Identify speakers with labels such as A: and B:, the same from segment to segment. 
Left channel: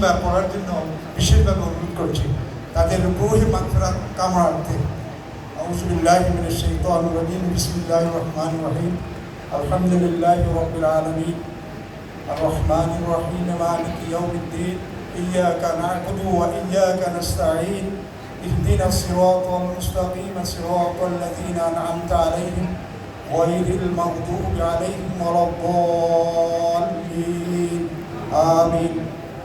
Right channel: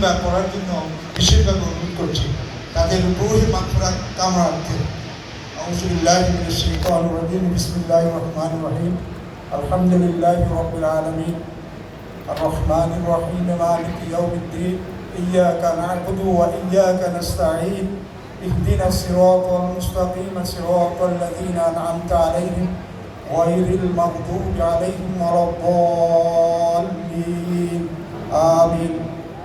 A: কিংবা পড়ার জন্য বিশেষভাবে অনুরোধ করছি তাদের রুহি মাত্রা কামড়াতে أعوذ بالله من الشيطان الرجيم بسم الله الرحمن الرحيم الحمد لله رب العالمين الرحمن الرحيم مالك يوم الدين إياك نعبد وإياك نستعين اهدنا الصراط المستقيم صراط الذين أنعمت عليهم غير المغضوب عليهم ولا الضالين آمين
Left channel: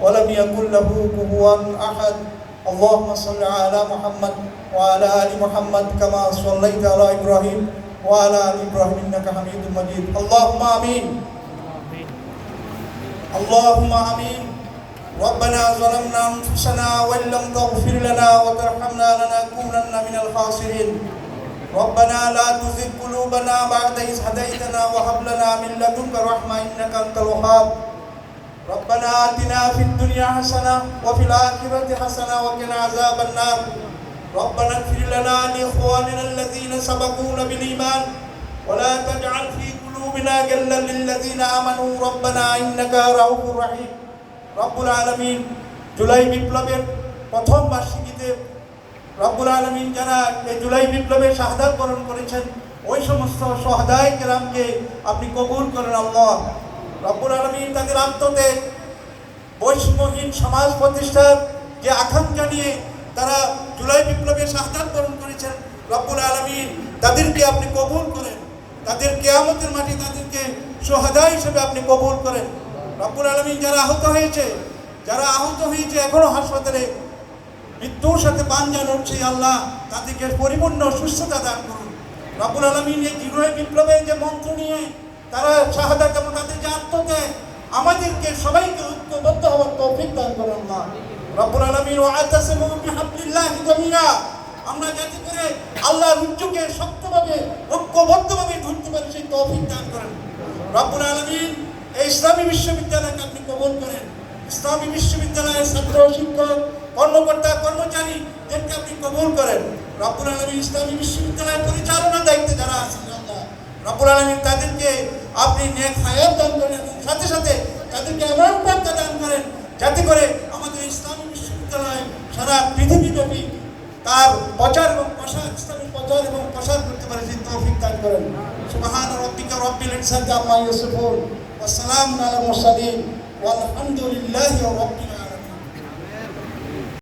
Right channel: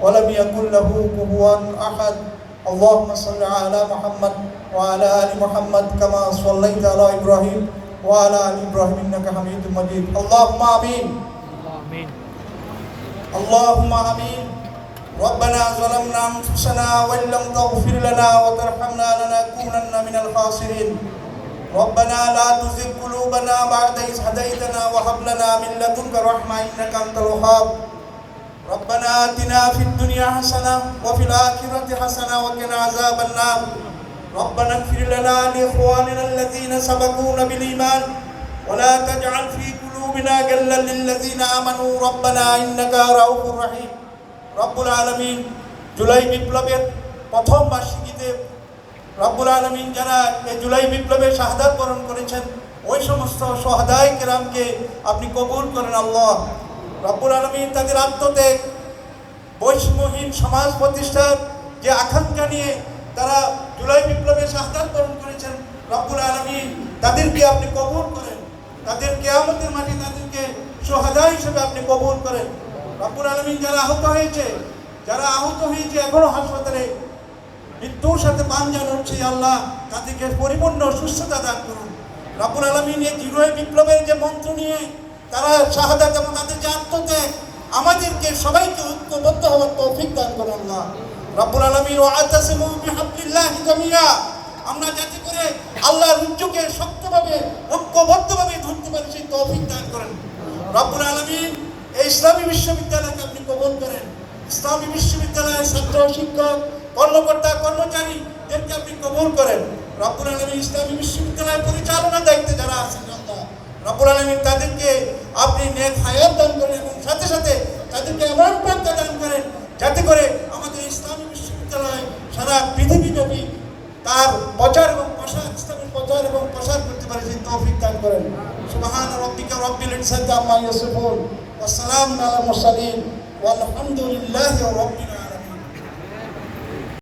A: ولم يكن له كفوا أحد. اللهم صل على محمد وعلى آل محمد كما صليت على إبراهيم وعلى آل إبراهيم إنك حميد مجيد. اللهم آمين. اللهم آمين. ربنا ظلمنا أنفسنا وإن لم تغفر لنا وترحمنا لنكونن من الخاسرين. ربنا لا تزغ قلوبنا بعد إذ هديتنا وهب لنا من لدنك رحمة إنك أنت الوهاب. ربنا آتنا في الدنيا حسنة وفي الآخرة حسنة وقنا عذاب النار ربنا اغفر لنا لإخواننا الذين سبقونا بالإيمان ولا تجعل في قلوبنا غلا للذين آمنوا ربنا إنك رؤوف رحيم রব্বুল আলমিন জুলাই বিপ্লবের প্রথম বার্ষিকীতে রব্বুল আলমিন যারা এই জুলাই বিপ্লবের শাহাদাত বরণ করেছেন ওই সমস্ত সহাদায় কেরামকে আপনি কবুল করেন আল্লাহ রব্বুল আলমিন তাদের আত্মত্যাগ বৈষম্যহীন সমাজ প্রতিষ্ঠার যে আকাঙ্ক্ষা নিয়ে তারা জুলাই বিপ্লবের শাহাদাত বরণ করেছেন, রব্বুল আলমিন তাদেরকে আপনি কবুল করেন। তাদের কেয়ামতের মাঠে তাদেরকে সোহাদা হিসেবে আপনি কবুল করেন। রব্বুল আলমিন যারা আহত হয়েছে, যারা আহত হয়েছে এখনও হাসপাতালে, মৃত্যুর সাথে যেন উঠছে আল্লাহ তাদেরকে পরিপূর্ণ সুস্থতা দান করুন। রব্বুল আলমিন এই জিরোয় বিপ্লবের যে মন্ত্র নিয়ে তারা শাহাদাত এবং তাদের যে আমাদেরকে সবাইকে ঐক্যবদ্ধ হওয়ার তৌফিক দান করুন না রব্বুল আলমিন ও আতাসিমু বিহাবলিল্লাহ জামিয়া আমরা যাতে করে আল্লাহর রুজ্জুকে শক্তভাবে, ঐক্যবদ্ধভাবে ধরতে পারি, সেই তৌফিক দান করেন। রব্বুল আলমিন, এই ইসলামী বিশ্ববিদ্যালয়কে আপনি কবল করেন। ইসলামী বিশ্ববিদ্যালয়ের ছাত্র, শিক্ষক, কর্মকর্তা কর্মচারীদেরকে আপনি কবল করেন। রব্বুল আলমী ইসলামী বিশ্ববিদ্যালয়ের পরিচালনার দায়িত্বে যারা আছেন আল্লাহ রব্বুল আলমী তাদেরকে আপনি নেক হায়াত দান করেন সাথে সাথে তাদেরকে এমন বার্তা দান করেন যাতে করে আমাদের ইসলামী বিশ্ববিদ্যালয় সারা পৃথিবীব্যাপী তার প্রচার এবং প্রসার, ইসলামের প্রচার এবং প্রসার করতে পারে সেই তৌফিক দান করেন। সুবহান রব্বিকা রব্বিল ইজ্জাতি আম্মা ইয়াসিফুন। ওয়া সালামুন আলা মুরসালিন। ওয়ালহামদুলিল্লাহি রাব্বিল